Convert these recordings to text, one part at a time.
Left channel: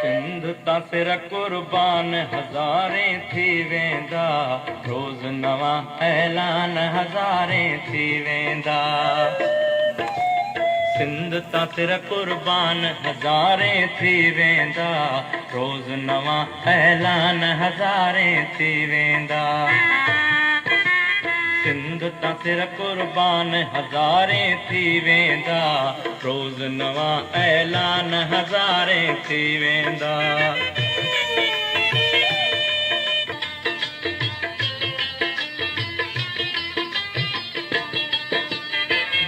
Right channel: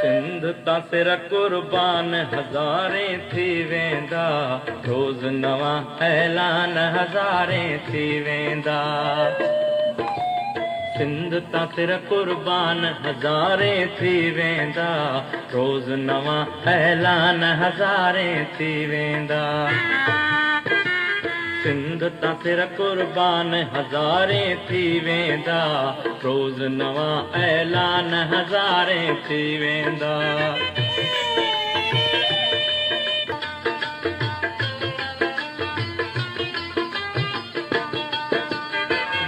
सिंध तां सिर कुर्बान हज़ारें थी वेंदा, रोज़ नवां ऐलान हज़ारें थी वेंदा। सिंध तां सिर कुर्बान हज़ारें थी वेंदा, रोज़ नवां ऐलान हज़ारें थी वेंदा। सिंध तां सिर कुर्बान हज़ारें थी वेंदा, रोज़ नवां ऐलान हज़ारें थी वेंदा।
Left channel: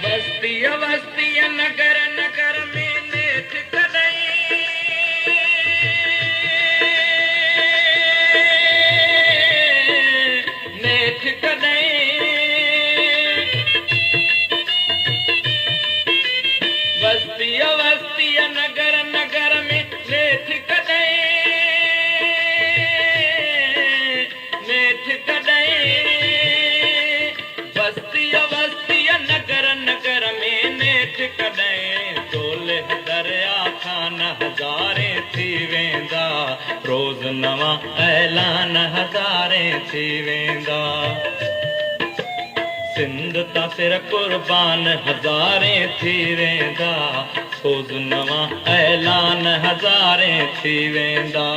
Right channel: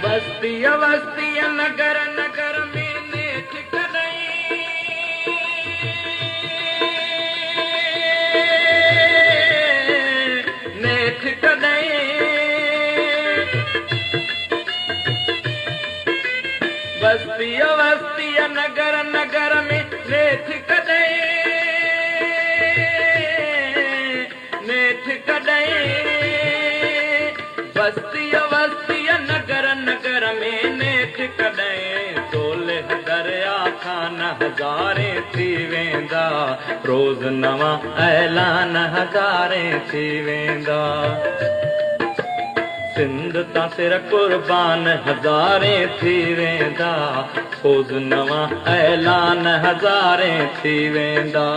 बस्तीअ वस्तीअ नगर नगर में नेठ कॾहिं, नेठ कॾहिं। बस्तीअ वस्तीअ नगर नगर में नेठ कॾहिं, नेठ कॾहिं। बस्तीअ वस्तीअ नगर नगर में नेठ कॾहिं, तोले दरिया खान हज़ारें थी वेंदा, रोज़ नवां ऐलान हज़ारें थी वेंदा। सिंध तां सिर कुर्बान हज़ारें थी वेंदा, रोज़ नवां ऐलान हज़ारें थी वेंदा।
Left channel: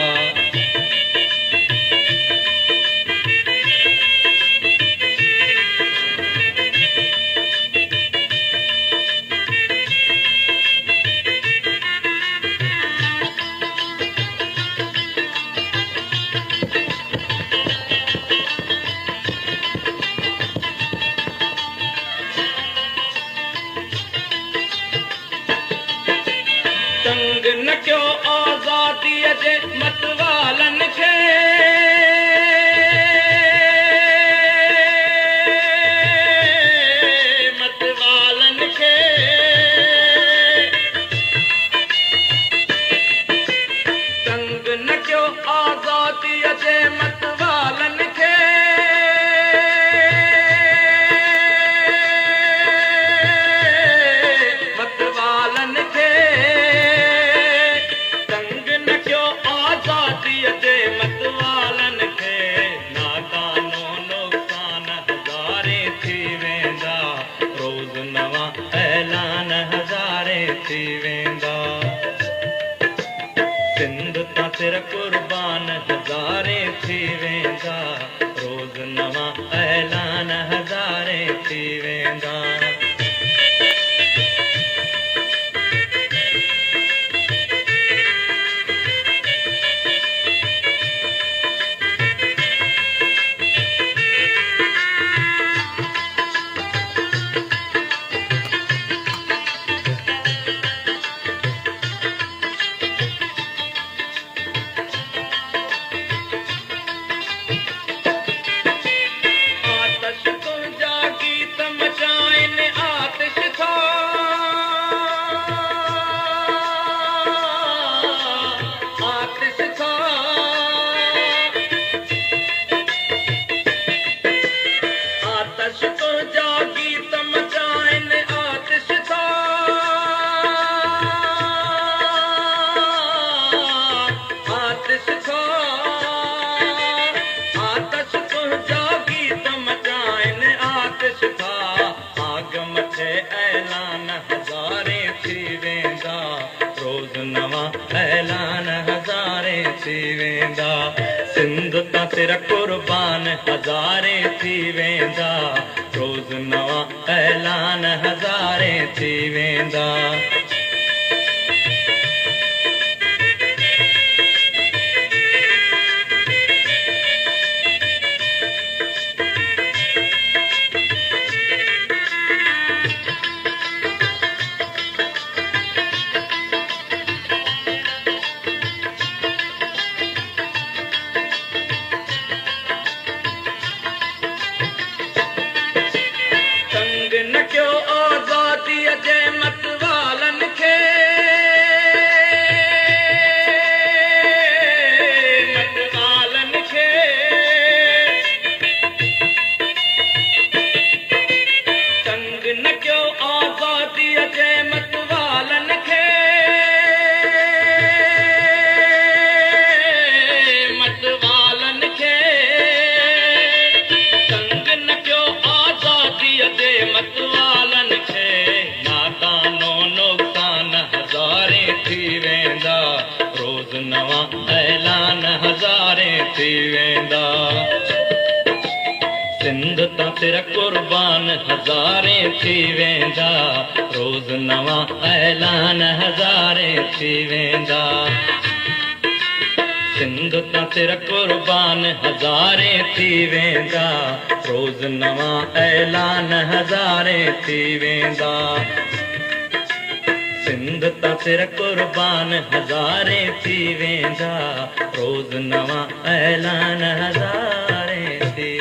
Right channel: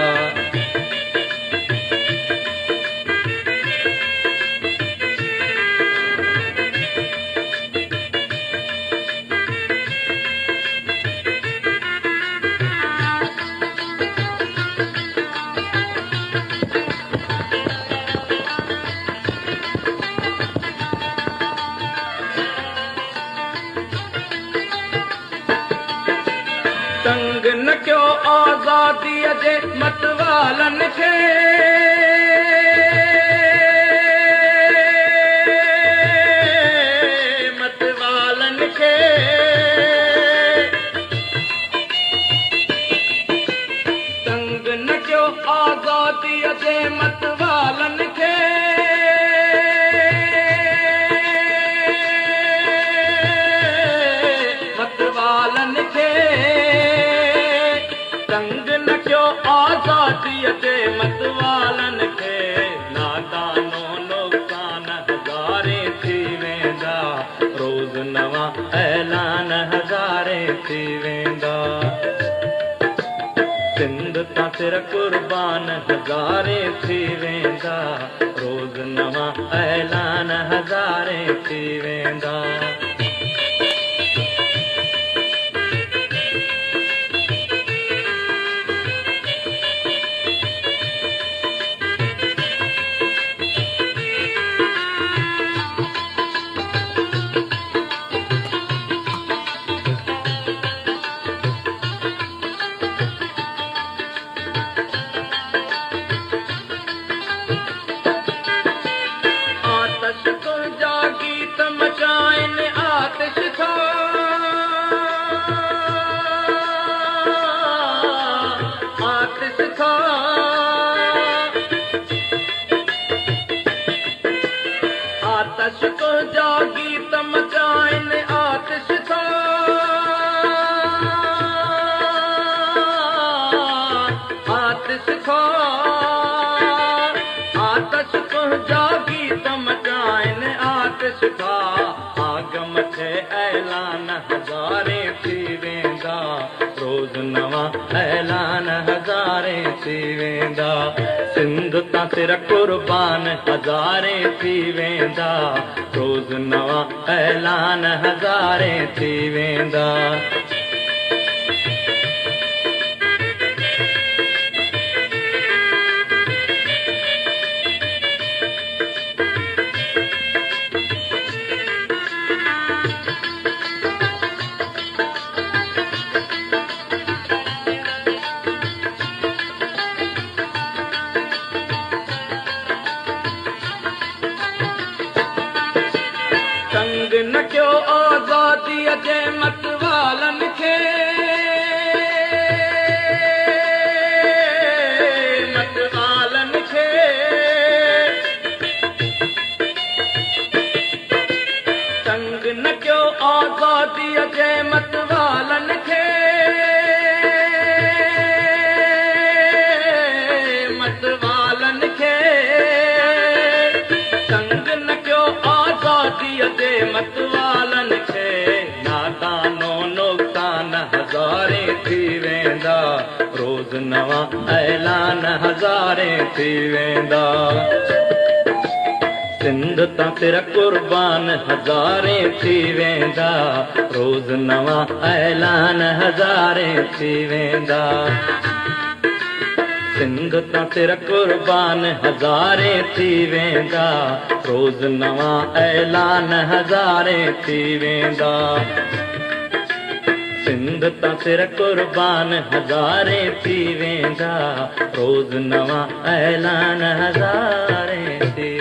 तंग न कयो आज़ादीअ जे मतवालनि खे, मतवालनि खे। तंग न कयो आज़ादीअ जे मतवालनि खे, मतवालनि खे। तंग न कयो आज़ादीअ जे मतवालनि खे, नादानो नुक़सान हज़ारें थी वेंदा, रोज़ नवां ऐलान हज़ारें थी वेंदा। सिंध तां सिर कुर्बान हज़ारें थी वेंदा, रोज़ नवां ऐलान हज़ारें थी वेंदा। आतिश तुंहिंजा गीत मचाइनि आतिश था, आतिश था। आतिश तुंहिंजा गीत मचाइनि आतिश था, आग मथे ऐलान हज़ारें थी वेंदा, रोज़ नवां ऐलान हज़ारें थी वेंदा। सिंध तां सिर कुर्बान हज़ारें थी वेंदा, रोज़ नवां ऐलान हज़ारें थी वेंदा। तंग न कयो आज़ादीअ जे मतवालनि मतवालन खे नादानो नुक़सान हज़ारे थी वेंदा रोज़ नवां ऐलान हज़ारे थी वेंदा सिंध तां तेरा कुर्बान हज़ारे थी वेंदा रोज़ नवां ऐलान हज़ारे थी वेंदा सिंध तां तेरा कुर्बान हज़ारे थी वेंदा रोज़ नवां ऐलान हज़ारे थी वेंदा सिंध तां तेरा कुर्बान हज़ारे थी वेंदा रोज़ नवां ऐलान हज़ारे थी